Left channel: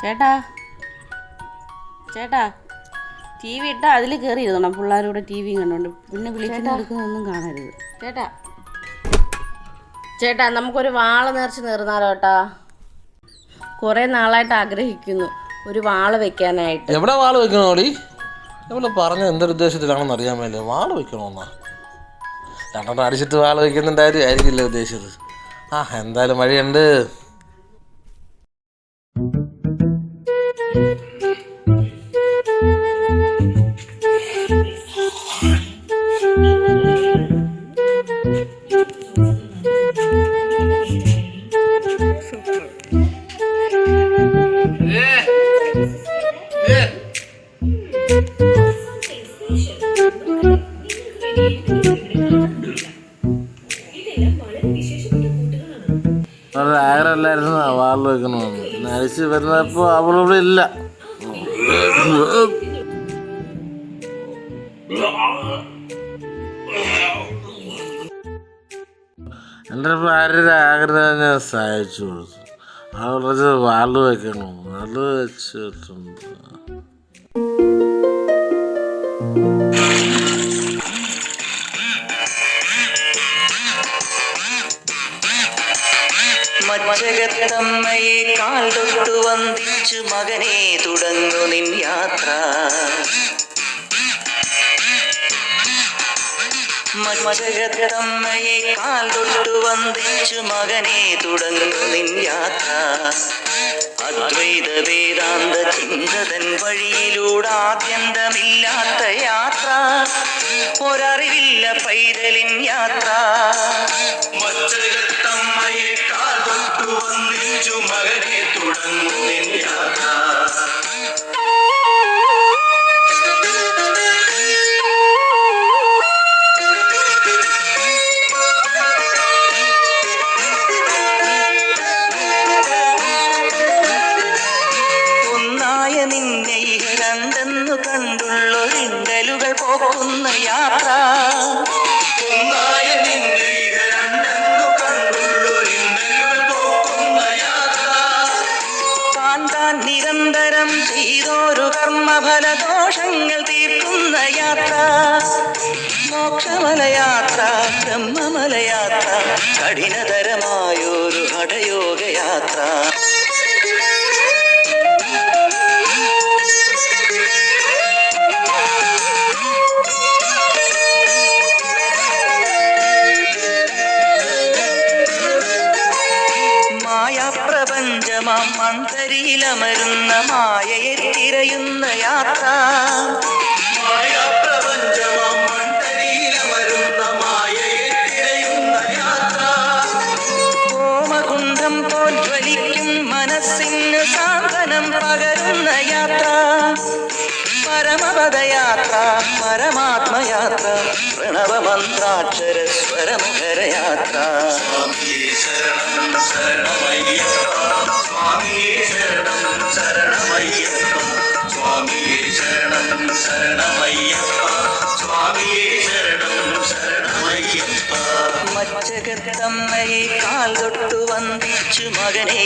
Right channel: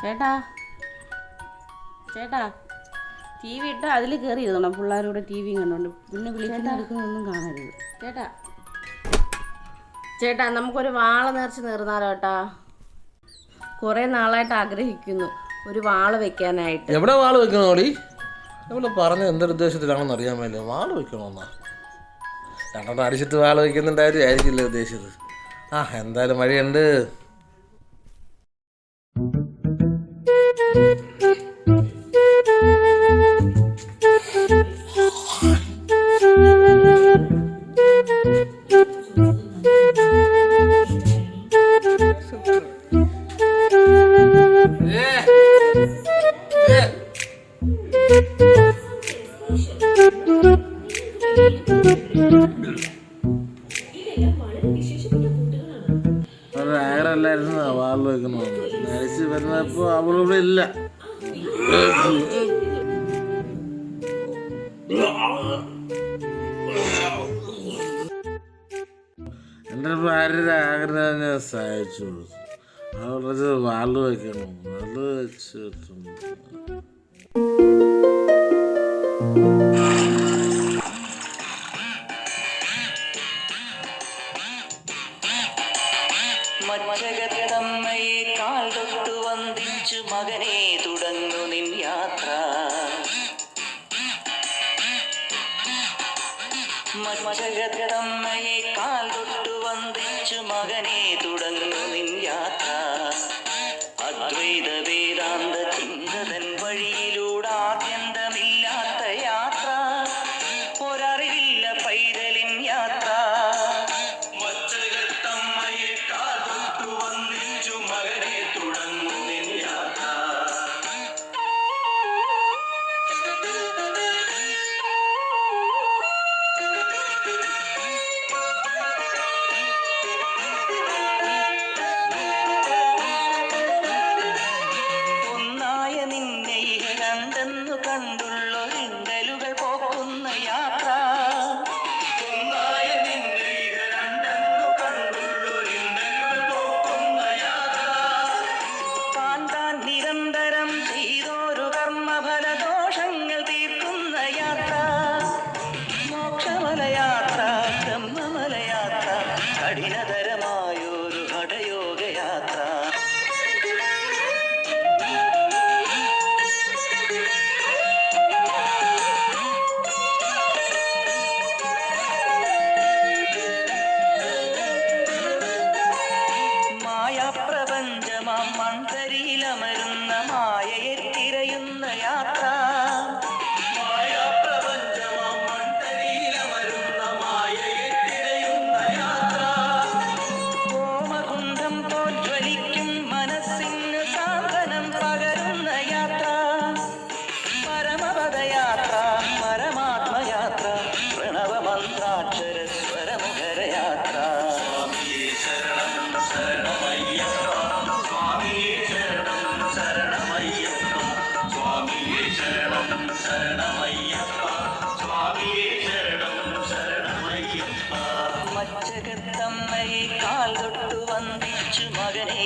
ചേട്ടാ ചേട്ടാ T V ഇട്ടാൽ അതിൽ കയറി ഇരുന്നോണം. പിള്ളേരൂടെ ടി വിയും കണ്ടോണ്ട് പിന്നെ വിളിക്കുന്ന എടുക്കുന്നൊന്നും കാണരുത്. ചേട്ടാ ചേട്ടാ നമുക്കൊരു വാള നേർച്ച നേർന്നാലോ ചേട്ടാ? കുറേ നാളായിട്ട് ആഗ്രഹിക്കുന്നു ഒരു വാള വെക്കാനായിട്ട്. എവിടെ വാള് വെക്കണോടി? ഇവിടെ പറഞ്ഞ എന്തൊരുദ്ദേശത്തിലാണെന്ന് അറിയാൻ വേണ്ടി വാള് വെക്കണമെന്നാ? രണ്ടെണ്ണം അടിച്ചിട്ട് വാള് വെക്കുന്നുണ്ടായിരുന്നു ആയിരിക്കില്ല ഉദ്ദേശിച്ചത്. എന്തായാലും വഴിയുണ്ട്. ആഗ്രഹമല്ലായിരുന്നു വാള് വെക്കണമെന്ന്. നരച്ച് വരുന്നപ്പോ അവളിവിടെ ഇല്ല. എൻ്റെ ഭാര്യയുടെ ആഗ്രഹം ഞാൻ സഹായിച്ചു കൊടുത്തു. അവളത് വാള് വെക്കണം. വാള് വെച്ചിട്ടുണ്ട്. മച്ചകത്തമ്മയെ കാൽ തൊട്ടു വന്ദിച്ചു മകനെ തുടങ്ങു നിൻ യാത്ര. മച്ചകത്തമ്മയെ കാൽ തൊട്ടു വന്ദിച്ചു മകനെ തുടങ്ങു നിൻ യാത്ര. അദ്വൈത വേദാന്ത ചിന്തതൻ വഴിയിലൂടെ ആദ്യന്തമില്ലാത്ത യാത്ര. ഒരറിവില്ല പൈതലിൻ യാത്ര. മച്ചകത്തമ്മയെ കാൽ തൊട്ടു വന്ദിച്ചു മകനെ തുടങ്ങു നിൻ യാത്ര. കണ്ടുള്ളൊരിണ്ടലുകൾ പോക്കുന്ന യാത്ര. താൻ നിരന്തരം ചെയ്തോരു കർമ്മഫലദോഷങ്ങൾ തീർക്കുന്ന യാത്ര. മോക്ഷമലയാത്ര, ബ്രഹ്മമലയാത്ര, കഠിനതരമായൊരു ഹഠയോഗയാത്ര. പ്രപഞ്ചമാം മന്ത്രിയിലമരുന്ന മായയെ തിരയുന്ന യാത്ര. പ്രപഞ്ചമാം മന്ത്രിയിലമരുന്ന മായയെ തിരയുന്ന യാത്ര. ഹോമകുണ്ഠം പോൽ ജ്വലിക്കും മനസ്സിന് സാന്ത്വനം പകരുന്ന യാത്ര. പരമപദയാത്ര, പരമാത്മയാത്ര, പ്രണവമന്ത്രാക്ഷര സ്വരമുഖരയാത്ര. മച്ചകത്തമ്മയെ കാൽ തൊട്ടു വന്ദിച്ചു മകനെ